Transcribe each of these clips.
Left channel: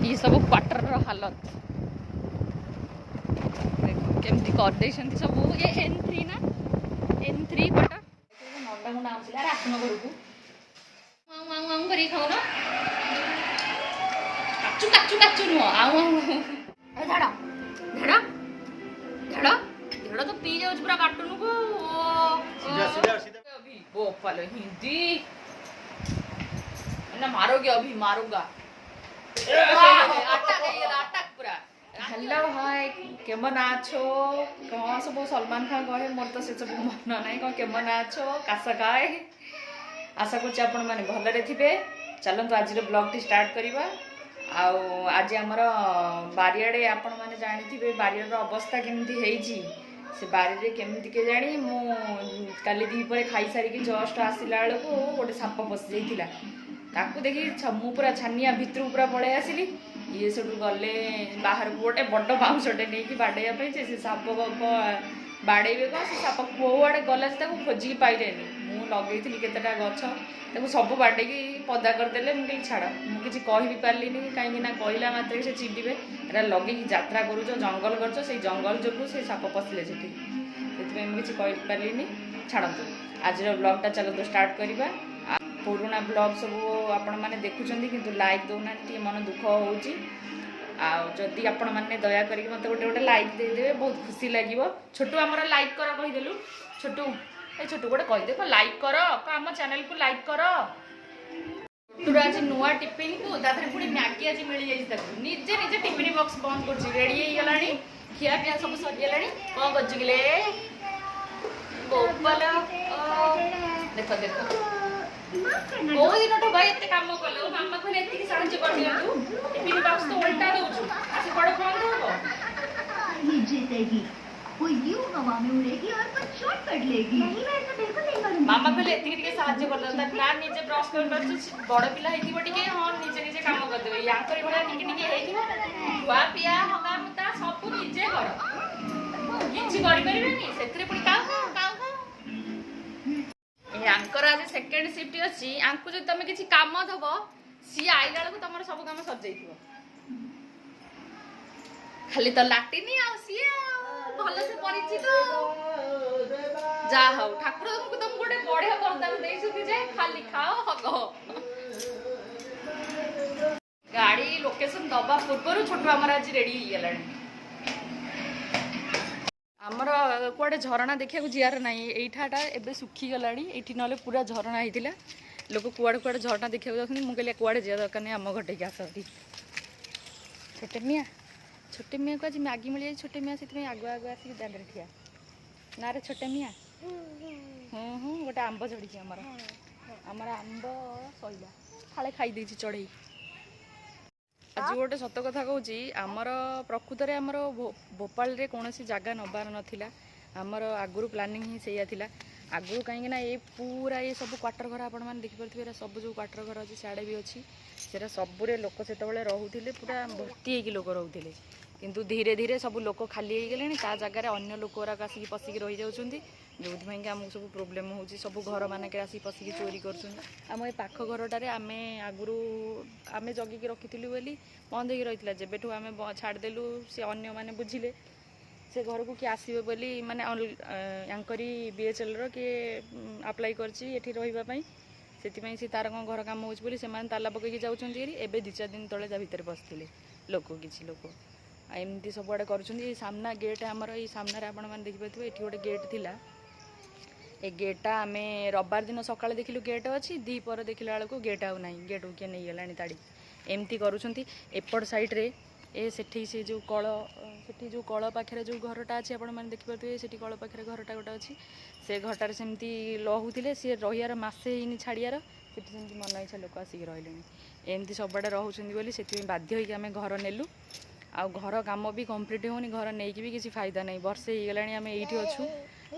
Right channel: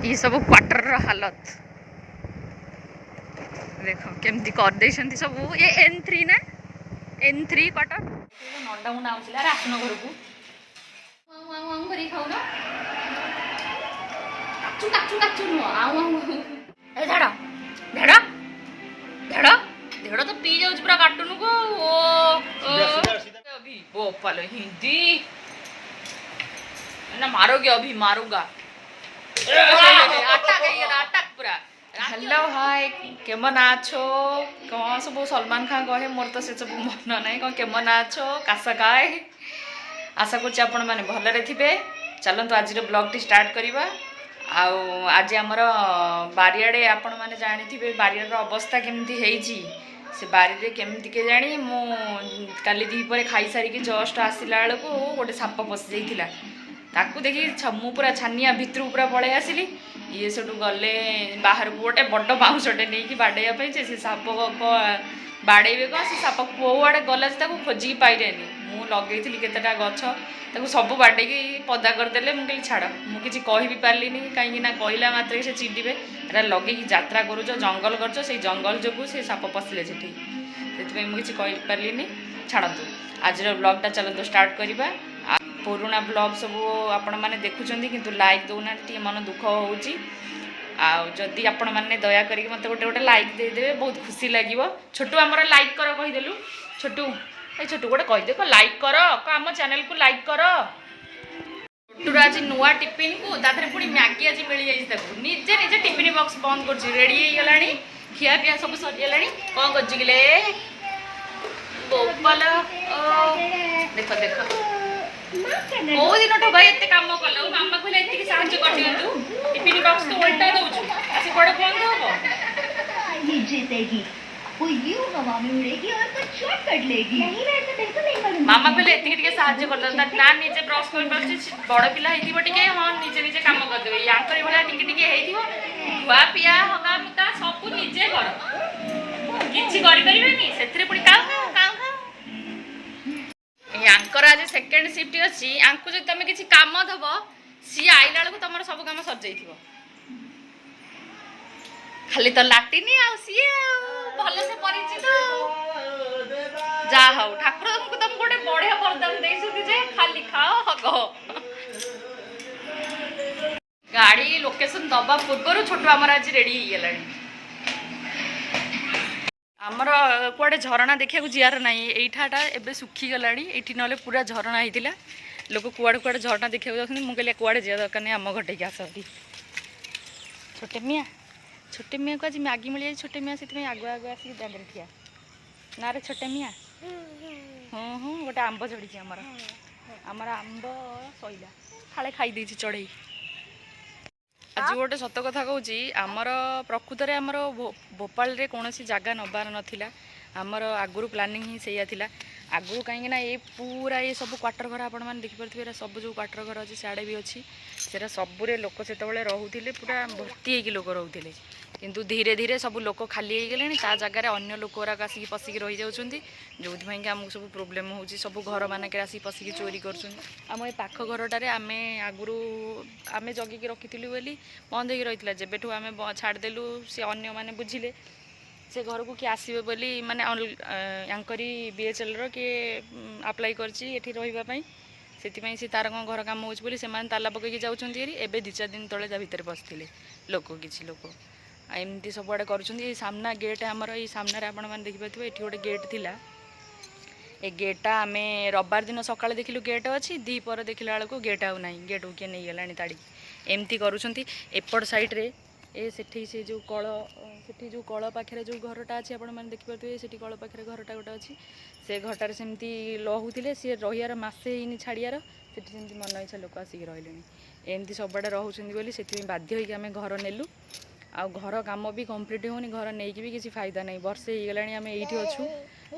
ये सब क्वार्टर हालत देखो केमती कर दे सब ये N3 ना N3 क्वार्टर नंदा मुंडा आउला आसन घर को खाऊ ना काचू काचू काचू नुह आउ झाड़ झाड़ झाड़ झाड़ तो पी जाऊँ पूरा कार्टून को अभी वो पालो हिंदी ना मारोगे अभी मारूंगा हेलो हाय केमन आछो कौन सब सलमान खान कहे मोर तो से सब मन ना कौन केमन आछो कासा काय आशा कर आपण मैंने भलरे थे चलतु आज ब्लॉग टी स्टार्ट करवा आज आमर बारियाड़े आपण मैंने जानी बारियार अवस्था केमती है से बारी केमती के जानी मु काली दीपर खाई सारिकी जस्ट आसला बेलू गोटे साप पशि जाइला ताकू देखी मु पूरा छानिया भितर पूरा पलि आसली ये सब गले बाहर को गोटे बड़ बाउंसटे नहीं बाड़े से साप बाड़े कौन से साप कौड़े गला से खोजिकी पाइले मु लगे केतेटा गछ सब बाड़े पदा करदे मुझे छाड़ मुझे कह भी पार्ली कहीं कहला मात्र से चिड़े एरा लगे यात्रा करुच जंगल कर जंगल जो से साप पशिले से मुझे कह पार्ली छाड़तु आज ब्लॉगटा चलतु स्टार्ट करवा पुराना ब्लॉग सब आपण मैंने देखुं किंतु लाइक दौना मन दुख होची आदि आपण मैंने दया करके मत गोटे गोटे लाइक देदेवे बहुत खुशी लगे छोटू आमर लाइक कर कहीदेलु छोटू ए छोटू गोटे कहीदे लाइक कर आम चैनल को लाइक कर छोटूर आज नुआ टिफिन को तादे पुणी मैगी आज मिल जाए निजे निजे टिफिन बॉक्स बंद कर रेडी हो गला खिया पिया सब सरीगला कौन करजिले गोपाल देख देख कौ दिन भाई एत कम कल मामा कहले एति साहाय्य कर दियंतु टिफिन बॉक्स तो उल्टा दउछु आसी बड़ बंद होबो ये जीतेगी वो यूं हवा में उड़ेगी और कुछ शॉर्टकट लेगी नहीं मैं तो बिल्कुल नहीं करूंगी मामा कहले एति के साहाय्य कर दता ना निजे ब्रश कर पाछी बड़ पिला हेतिबो टिके हां निजे निजे काम कर देबे यांकर भला टिके टिके हेतिबो खुआ पिया हगा मुता सब निजे कर किछि करि परिबेनी सेथरे पुणी काउ यांकर आज सेकेंड शिफ्ट अच्छी यांकु जो तुम किसी काम दब सी आइला बेलू तुम सब कम सर जाइए खाली तो लाटिनी सी भल से परिचित जा हाउ ठाकुर तुमको तुम गोटे बढ़िया वरदान दे खाली खाओ हग गाड़ी लोकेशन दबा पूर्व छोटू आमर आज रेडी हो गला आमर कुआडे झरणा देखा जीआर ना यहीठाटा एवं सुखीगला ये ना पूरा झरणा होता लोक कुआड़े कुआड़े झरणा देखा जाऊँ मुझे कुआड़े जा दरकार नहीं आम घटे आसती छोटे मियाँ को आज मैगी मिल जाए छोटे मियाँ से आगुआ आगुआ आसिक दांडे ठिया ना रे छोटे मियाँ हाँ गोटे आंब झड़ी आमर आमर आंब सैला फाड़े खाई चढ़ई आज गोटे सत कथा कहूँ आमर प्रकृत में आमर भोपाल रे कौन जगह नबार नाला आमर आगुरी प्लानिंग ही सैया आगु कहीं ये पूरा ये सब क्वार्टर घर आपण मैंने देखिपे सब जो क्वार्टर घर अच्छे सियाड़े भी अच्छी से सबुरे लोक से रोते पूरा भर्ती हो लोक रोते किंतु धीरे धीरे सब लोक खाली हो गले जगह अन्य लोक गुराक आसिक पशिकी रही जाऊँगी जो आमको सब प्रोब्लेम हो सब घर मानक आसिक पशिकी चोरी करम ये पाख घरटार आम आगुरी आम जगिकी रखी बोली बंद हो रही जब आम छाड़देलु सी अन्य मैंने बुझिले से घर को किए आसबे बोली माने यांकरी BHL रो किए अप्लाई करछि रही से तार कौन घर कम हो ताला पकईकि जाऊँगी एवं 2-4 दिन तले जा भितर बसते लोक किसी लोक एमती सबुआड़े कर सामना गेट आमर ये सामने आपण मैंने देखिपे ये गोटे गेट थिला ए गेटा आम रविवार दिन सकाଳେ देखिलु गेट अच्छी दीपर देखला बेलू गेट आउ ना गेट को किए नहीं गला ताड़ी एमती करुँच एपट साइड्रे ए सेठी से जो कल सेठी जो कल पाखे जो घरटा अच्छी आपण मैंने देखिपे से कल पाखे घरटा गोटे अच्छी से घरटार सेमती लहुले सी रहीर मसे ही छाड़ियार से मन इच्छा लोक आसिक रही एमती सबुआड़े रोचे बोली से बाध्य होगी आम घर नेलु आ घर काम भी कम्प्लीट होनी घर नहीं कि भी किसी फायदा नहीं वर्षे हो गला आम ये अच्छू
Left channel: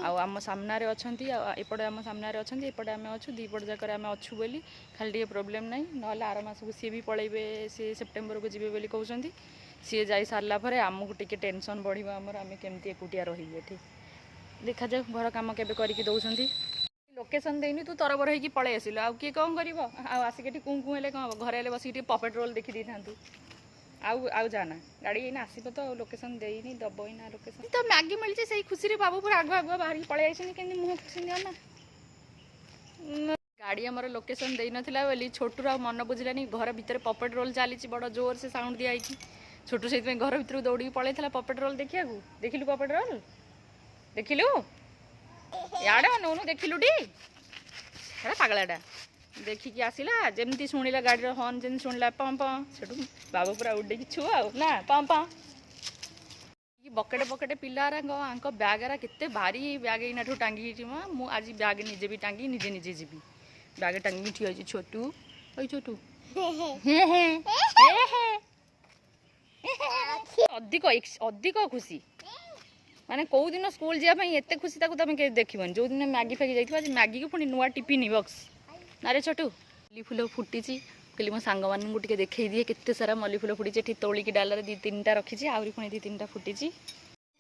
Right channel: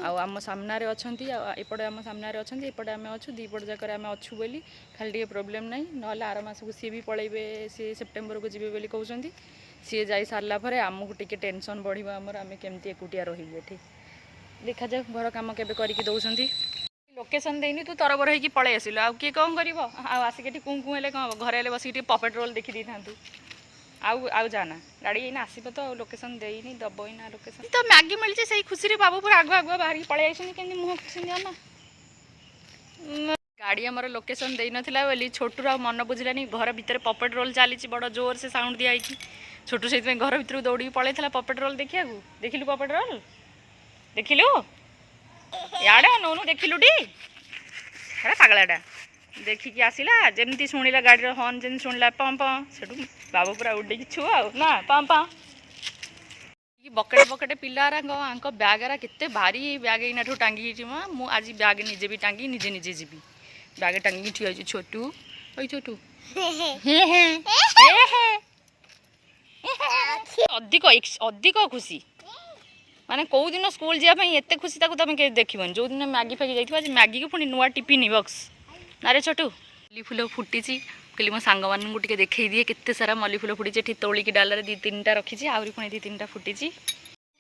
आम सामने अच्छा एपटे आम सामने अच्छा एपटे आम अच्छू दीपट जाकर आम अच्छू बोली खाली टे प्रोब्लेम ना ना आर मस को सी भी पलैबे सी सेप्टेम्बर को जी बोली कहते सी जा सारा पर आमको टे टेंशन बढ़ आमर आम केमती एकुटिया रही देखा जाऊ घर कम के दौरान लोकेशन देनी तू तरबर होगी पलि आसिलु आ किए कौन कर आसिक कूँ कूँ कौन हम घरे बस पपेट रोल देखी था आउ जाना गाड़ी एना आसब तो लोकेशन देनी दब ना लोकेशन तो मैगी मिली से खुशी बाबू पूरा आगुआ आगुआ बाहर पलि आइसनी मुह खुशी ना गाड़ी आमर लोकेशन दे नथिला बोली छोटू आ मन बुझलानी घर भितर पपेट रोल चली बड़ जोर से साउंड दिया छोटू से घर भर दौड़ी पलि पपेट रोल देखा देखिलु पपेट रोल देखिलु याडे नौनु देखिलु टी पागलाटा देखिकी आसला जमती शुणिला गाड़ी हर्न जमी शुणिला पं पं से बाबू पूरा उड़े छुआ ना पं पं बकेटे बकेटे पिलारा ब्यागरा केते भारी ब्याग एना टांगी मु आज ब्याग निजे भी टांगी निजे निजे जीवी ब्याग टांगी ठिया छोटू ओई छोटू अधिक अधिक खुशी माने कौ दिन स्कूल जावाई एत खुशी तुम देखन जो दिन मैगी फैगी जाइए मैगी को पुणी नुआ टिफिन बक्स ना रे छोटू मल्ली फुल फुटी कहली मो सांग मानू टे देखे दिए केते सारा मल्ली फुल फुटी तोलिकी डालर 2-3टा रखी आहरी पुणी 2-3टा फुटी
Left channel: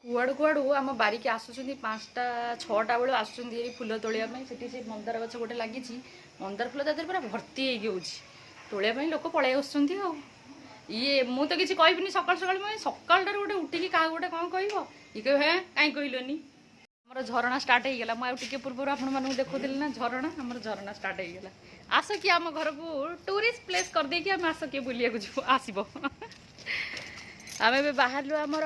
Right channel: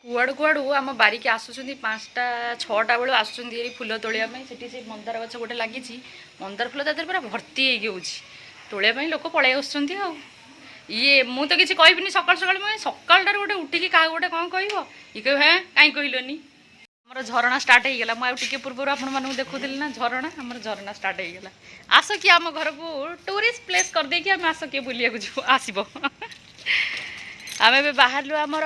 कुआड़ू कुआड़ू आम बारिक आसुँच 5टा 6टा बेलू आसुँच फुल तोड़ापी से मंदार गछ गोटे लगी मंदार फुल तादेह पूरा भर्ती होलियापी लोक पलि आसुँच ये मु तो किसी कहबी सकाल सकाल मैं सकाल गोटे उठिकी क्या गोटे कौन कह ये कह हाँ कहीं कहलोनी आमर झरणा स्टार्ट हो गला मुझे पूर्व आपको देखुली ना झरणा आमर झरणा स्टार्ट हो गला आस कि आम घर को टूरिस्ट प्लेस कर देकी आम आस किए बुलिया को आसब आम ए बाहर आमर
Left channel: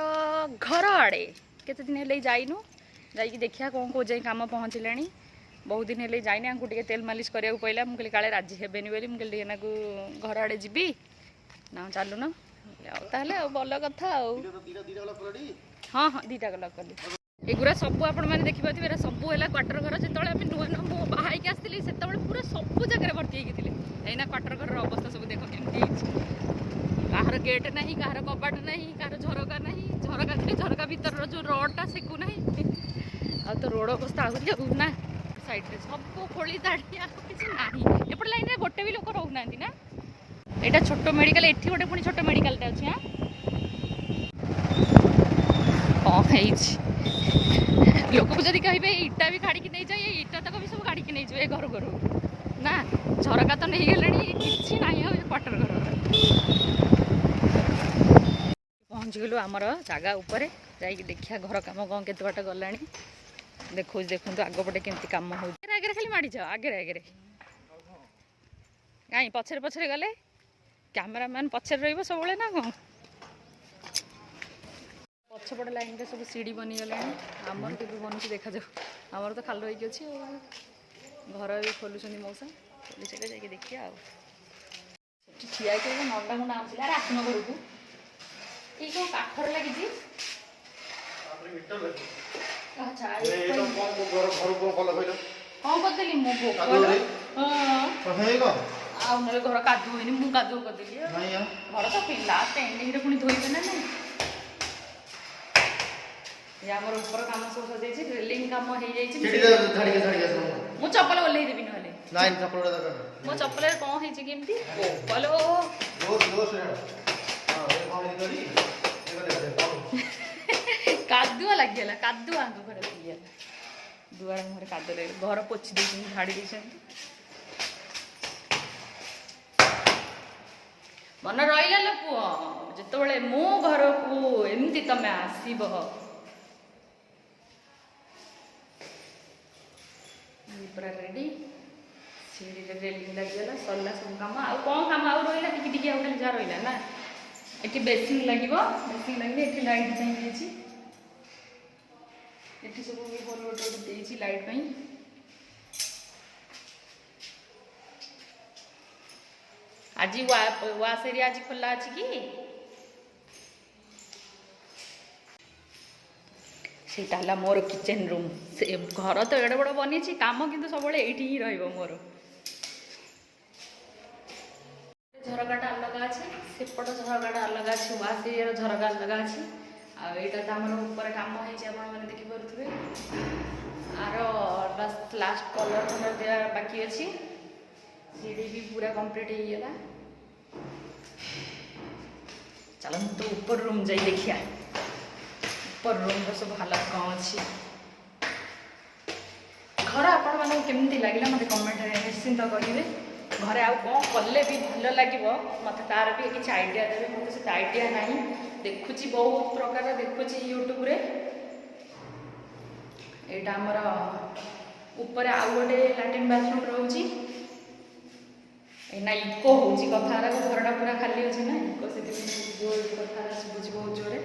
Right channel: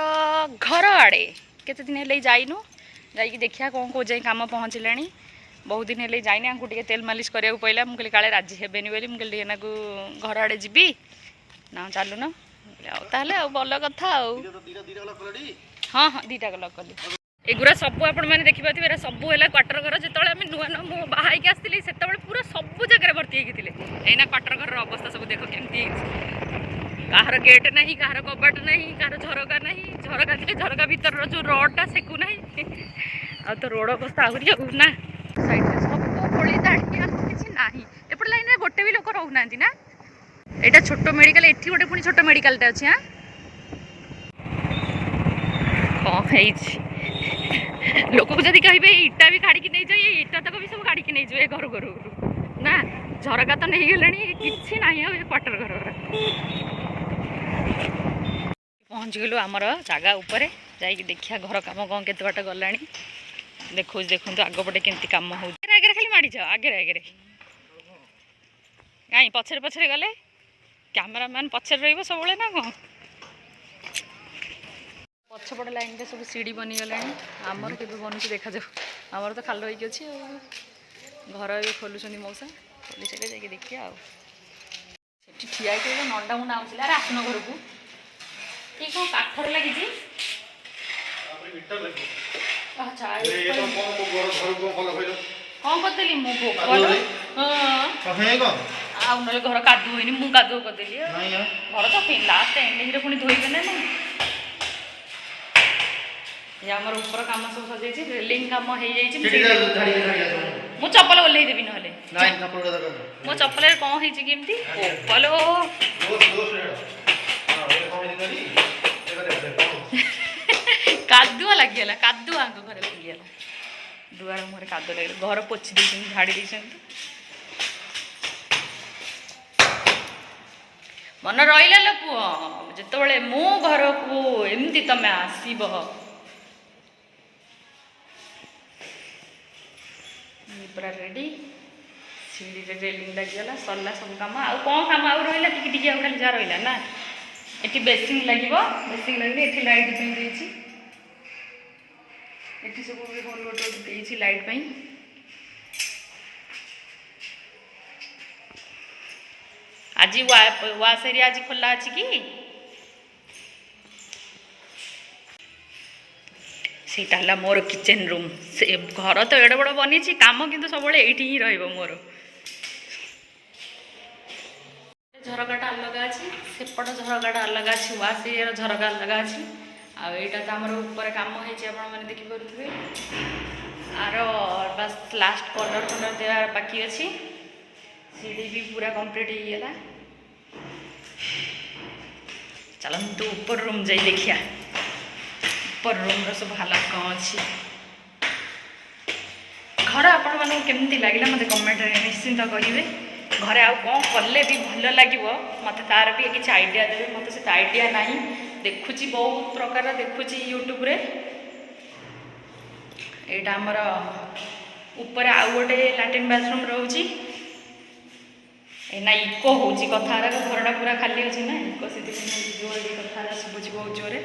घर आड़े केते दिन है जाइनु जाइए देखिया कौन कौ जाए कम पहुँचला बहुत दिन है जाइनी आंकु टे तेल मालिश कराया पड़ा मुझे काले राजी हेबेनि बोली मुझे घर आड़े जीवी ना चलु न ताले भल कथा हाँ हाँ 2टा गल कली एगुरा सब आपण मैंने देखिए सबू है क्वार्टर घर जो नुआ नुआ बाहर आसती से पूरा सब जगह भर्ती होती है क्वार्टर घर अवस्था सब देख केमती कहार गेट ना कहार कबाट ना कहार झरका ना झरका थे झरका भर जो रोडटा सेकु ना आ तो रोड अवस्था आहरी ना साइड सब खोली दाड़ी किसी ना एपट लाइन गोटे भी लोक रोना ना यहाँ छोट मेडिकल एठी गोटे पुणी छोट मेडिकलटा अच्छी हाँ कौन लोक को जब कहे इटा भी काढ़ी नहीं जाए इटा तक भी सब काढ़ी नहीं जाए घर घर ना झरका तो नहीं गले कि ना क्वार्टर घर पहुँच गलु आमर जगह उपर जा देखिया घर कम कौन केत बाट गला देखो देखो आगपटे केमती कम हो आगे खाली माड़ आगे आगे कहीं पछरे पछरे गले कैमरामैन पछरे रही सब ना कौन पछपट लाइन टे सब सीढ़ी बनीगला आमर के बनूँ देखा जाऊ आमर तो खाल होगी अच्छे घर भी खोलुँच मौसा खोली से जाकि देखिए ठिया नंदा मुंडा आउला आसन घर को ये कौन काठर लगी कौन करदेली मो आउ ना घर कादु होनी मु कादु करदेली घर तो लास्ट एंडिंग पुणी धोइबे ना नहीं आमर ऊपर कम सब सजाई रेलिंग कम हो चप्पल ओल्लई देवी ना मो चप्पल कौन है केमती चप्पल कादुआ लगिगला कादुआ आंक घर लगिगला दुआर मुहर कादुआ लगे घर पोछि दे झाड़ी दे मन रहा लो पुओ जिते मो घर को एमती तमें आसब पूरा रेडी सीढ़ी रेलिंग लगिगला सरला सब कम आउ कौन कम आउ रहा टी खाली जहाँ रहा ना ये बेसिंग लगे बेसिंग लगे ये लाइट देती ये सब होल गोटे लाइट पाई आज वाश एरिया आज खोला अच्छी कि सेटा मोर किचन रूम से घर तो एड़े बड़ बनी काम किंतु सब ये ही रोर झरकाटा अलग अच्छे सेपट झरकाटा अलग अच्छे वाश एरिया झरका अलग अच्छे आईटा तो आम ऊपर कम होने देखिपे आर बस लास्ट कलर कलर देवा बाकी अच्छी सीढ़ी भी पूरा कंप्लीट हो गला चलते ऊपर रूम जाई देखिया ऊपर रूम सब हालत कौन अच्छी घर आपण मानक केमती लगे मत कमेंट निश्चिंत करेंगे घरे आउ कौन कले भी भल लगे मत तार भी किसी आइडिया देवे मत से आइडिया ना देखुची बहुत प्रकार देखुची यूट्यूब रे एटा हमर ऊपर आउ गोटे लैट्रिन बाथरूम रोची ना इको होची कथारा घरटा पूरा खाली अच्छे ना इको से जोर कथारा शुभुची बहुत जोरे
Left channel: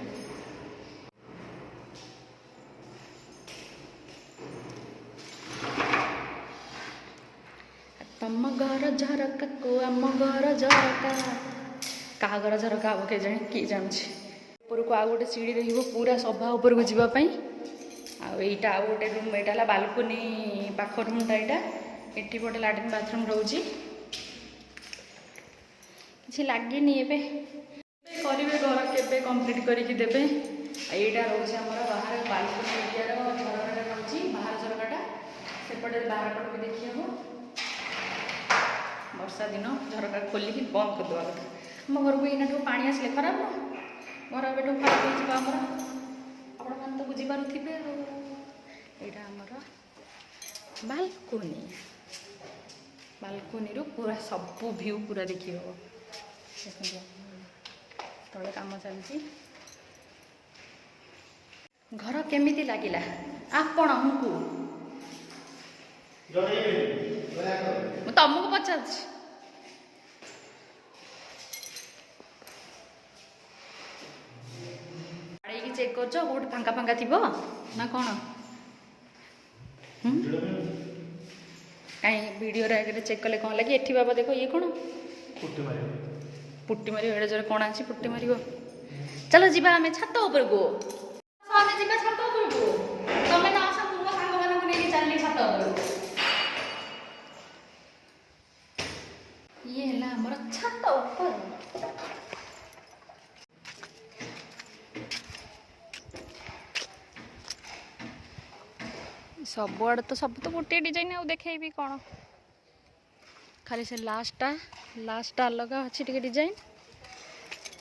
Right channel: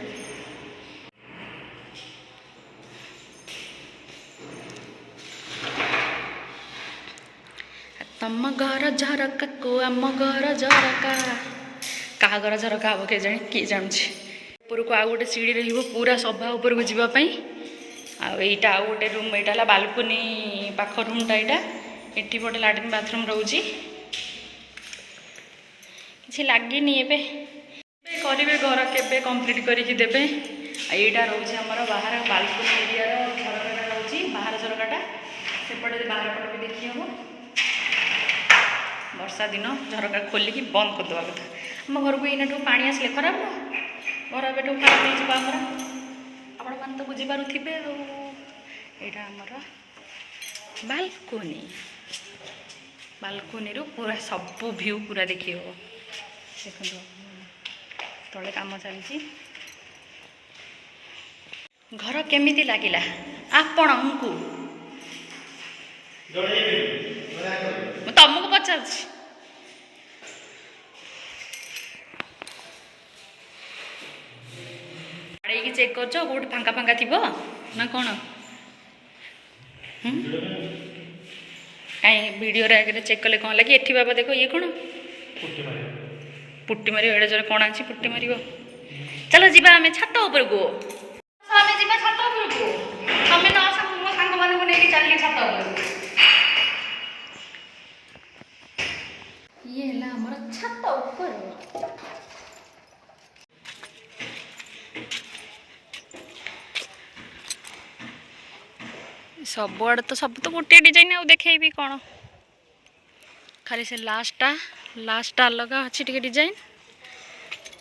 तम घर झरका को आम घर झरका क्या घर झरका हम के जाने किए जानूँ ऊपर को आउ गोटे सीढ़ी रही पूरा सभा ऊपर को जावाई आईटा आउ गोटे रूम यहाँ बालकोनी पाख रूमटा यहाँ एटी पटे लैट्रिन बाथरूम रोची किसी लगे करेंगे घर के कंप्लीट करके देवे यहाँ रोचे आमर बाहर बालकोनी एरिया झरकाटा रोचे बाहर झरकाटा सेपटे बाहर पट भी देखी हम वर्षा दिन झरका खोलिकी बंद करदे कथा आम घर को एना पानी आसले खराब न घर एटू खराब हो आपण मैंने तो बुझीपारे यहाँ आमर बालकोनी बालकोनी रू पूरा सबू व्यू पूरा देखी हम देखो तले कम चलती घर केमिति लागिला आपणकु तुमको पचार चेक कर फांका फांका थी ना कौन कहीं वीडियो चेक कले कौन लगे एठी बाबा देखो ये कौन पुट्टी मार एड़े जोरे कौन अच्छी पुट्टी मार चलो जीवा आम छात उपर को आम जी छात उपर को तुम न आस मो सांग मान को लेकिन चलिए छात उपर ये है हमर छात ऊपर सब आड़े तो सब तो गोटे डिजाइन आउ देखेबी कौन खाली से लास्टा अलग अच्छी टे डिजाइन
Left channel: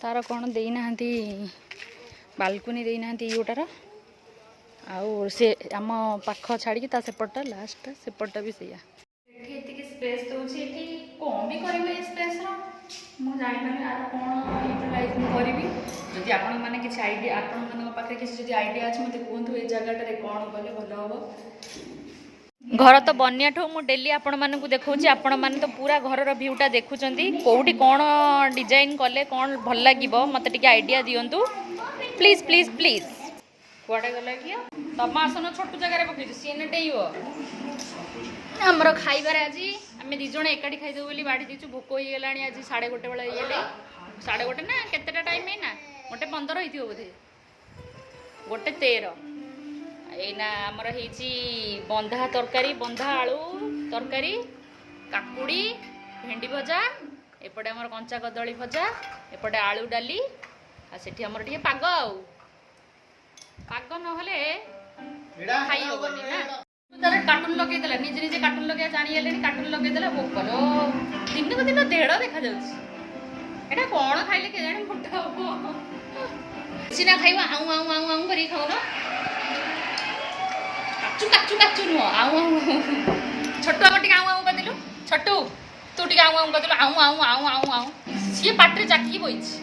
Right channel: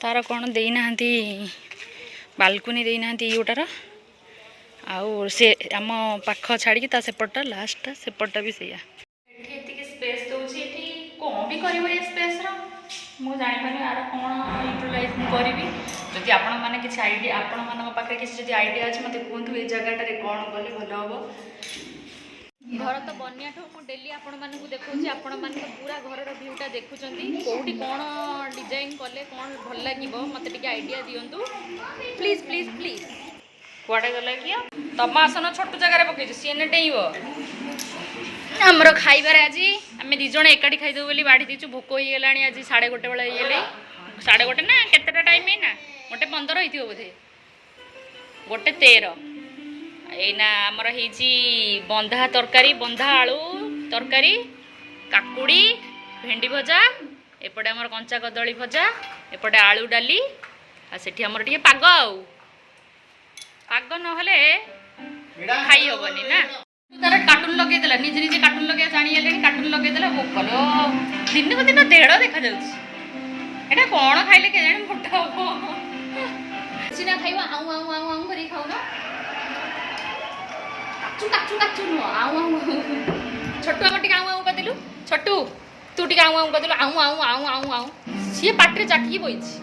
तार कौन देना बालकोनी देना योटार आउ से आम पाख छाड़ी सेपटा लास्टा सेपटा भी सैया स्पेस दूसरी कौन भी कर स्पेस मुझे जापारे यार कौन यूटिलाइज करी जदि आपण मैंने किसी आइडिया आपण मान पाखे किसी आइडिया अच्छे मत कहतु ये जगह कौन कले भल हम घर तो बनिया ठू मु डेली आपण मानक देखौछि आपण माने तो पूरा घर भ्यूटा देखुचंती कोउठी कौन डिजाइन कले कौन भल लागिबो मते टिके आइडिया दियंतु प्लीज प्लीज प्लीज कुआडे गला कि तम आसन छोट जगह पकईछ सीने डेइबो हमरो खाइबार आज आम दी जण एकाठी खाइदेव बोली बाढ़ी दीचु भोक हो गलानी आज 1:30 बेला ये 1:30 ना केतेटा टाइम है ना 1:15 होइथिबो बोधे 1:13 एना आमर होइछि बंधा तरकारी बंधा आलू तरकारी काकुड़ी भेंडी भजा एपटे आमर कंचा कदली भजा एपटे आलू डाली आ सेठी आमर टिके पाग नहले खाई हबनी ना तार कार्टून लगे देला निजे निजे कार्टून लगे जानी ले कार्टून लगे देला भोकलो दिन को दिन देड़ देखा जाउछि एटा कोन खाइले के जाने मोटा हो सिना खाइबा आउ आउ आउ आउ करी खाउबा काचू काचू नुह आउ आउ छोटू आम टिके आउ आउ कदिलु छोटू तू टिके आउ आउ कदिलु आउ आउ आउ आउ आउ सी पाटरे जाकी बइछि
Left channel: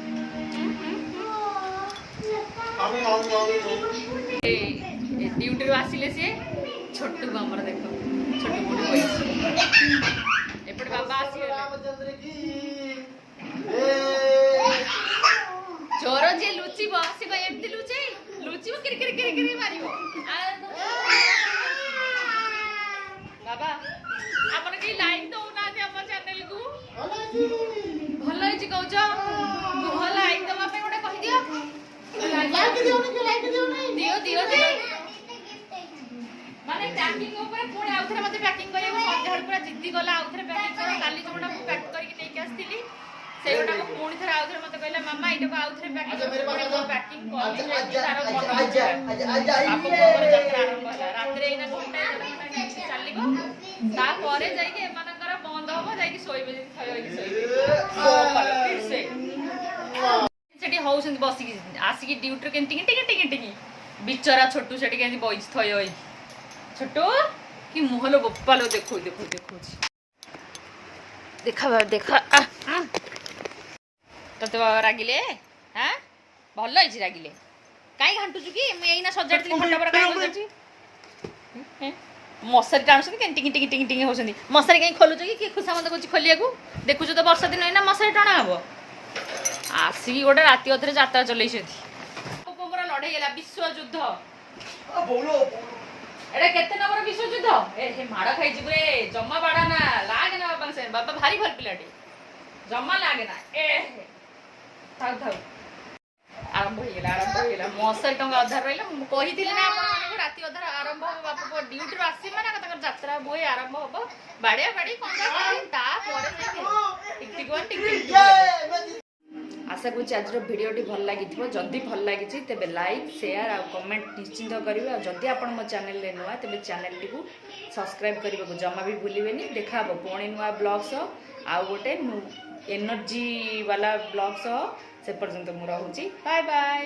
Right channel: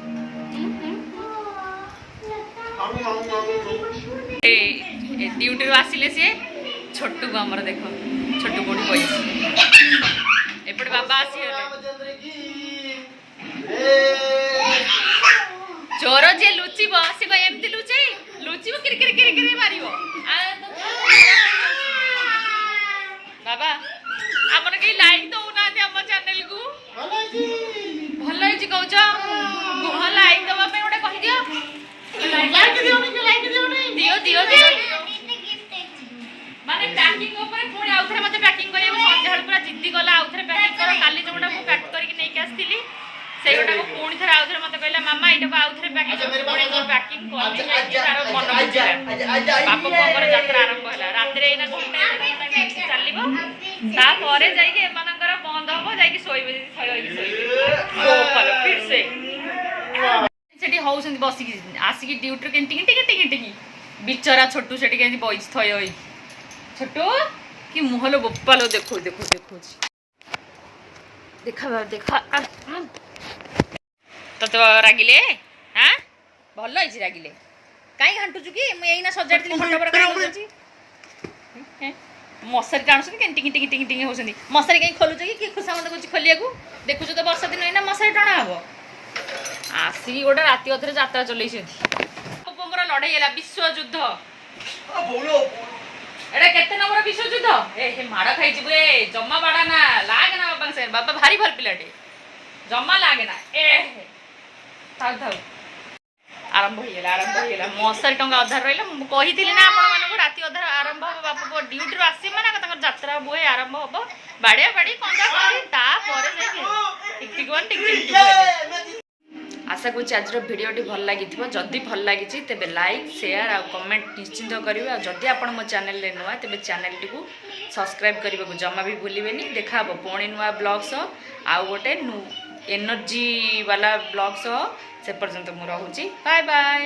आउ आउ आउ ए ड्यूटी रो आसिले सी छोटू को आमर देखो छोटू कोठी बइछि एपटे बाबा आसी चोर जे लुचिबो से को एमती लुचिबो किर किर किर किर मारिबो बाबा हमर के लाइक दो ना हम चैनल को भलो हि कहउछ गुह लाइक दबा पे ओटे कहि दियो लाइक दियो नहीं दियो दियो दियो माने पैकिंग ऊपर पुणी आउथरे मते पैकिंग करियो संध्याळ पूरा जिद्दी गला आउथरे पैकिंग करो काली जोटा मु पैक करके नै के आस्थिली सेगोटा को पुणी थरे आउथरे मते कहला मामा एटा को आउथरे पैकिंग पुणी को पैकिंग करली नै तार मन बुझला बाप कोपर यात्रा आरंभ होला रात्रि एना घंटा चलिबो ता परे जाई के एमानकर बंद होबो जाई के सोइबे फिर से सेठी होउसन बसी आसी की ड्यूटी के टिक टिक टिक टिक बिचरा छोटू सेठी के बइस थय होई छोटू कि मुहलो बप्पालो देखो देखो देखो देखा देखा तोते रागिले हाँ भल है रागिले कहीं घाटुचु कि मुझे सजाड़ी खंड पर कहीं मशारी टाणुଛନ୍ତି କେମିତି ଟିଙ୍ଗି ଟିଙ୍ଗି ଟିଙ୍ଗି ଟିଙ୍ଗି ହେଉଛନ୍ତି ମଶାରୀ କାହିଁ ଖୋଲୁଛ କି କିଏ ଖୁସାମତ କରୁଛି ଖୋଲିବାକୁ ଦେଖୁଛୁ ତ ବର୍ଷା ଦିନ ଏଇନା ମଶାରୀ ଟଣା ହବ ଆସିକି ଗୋଟେ ରାତି ଅଧରେ ଯାତ୍ରା ଚଲେଇଛନ୍ତି ଲୋକଙ୍କର ଲଢ଼େଇ ହେଲା ବିଶ୍ୱଯୁଦ୍ଧ ଏଟା କେତେ ନମ୍ବର ବିଶ୍ୱଯୁଦ୍ଧ ଏ ମାଡ଼ ଖାଇଯିବୁ ଏ ଜମା ବାଡ଼ା ନା ଲାଗେ ନା ବାବାଙ୍କ ସାଙ୍ଗେ ବାବା ଭାରି ଭଲ ପିଲାଟେ ଜମା ଲାଗେ ନା ଏ ଥାଉ ଥାଉ आरंभ हो मशारी टंगा अधार रहा कही ना आपको राति अधार आरंभ हम बापा ड्यूटी आस माने जात्रा बुहे आरंभ हम बाड़िया बाड़ी कंजा आशा करुँच आज भिडटी भल लगी जदि भल लगी तेज लाइक शेयर आ कमेंट निश्चिंत करेंगे जदि आप मो चैनल नुआ तेज चैनल टी सब्सक्राइब करने को जमा भी भूलें देखा पुणी नुआ ब्लॉग आउ गोटे एनर्जी वाला ब्लॉग से पर्यंत मुझे बाय बाय।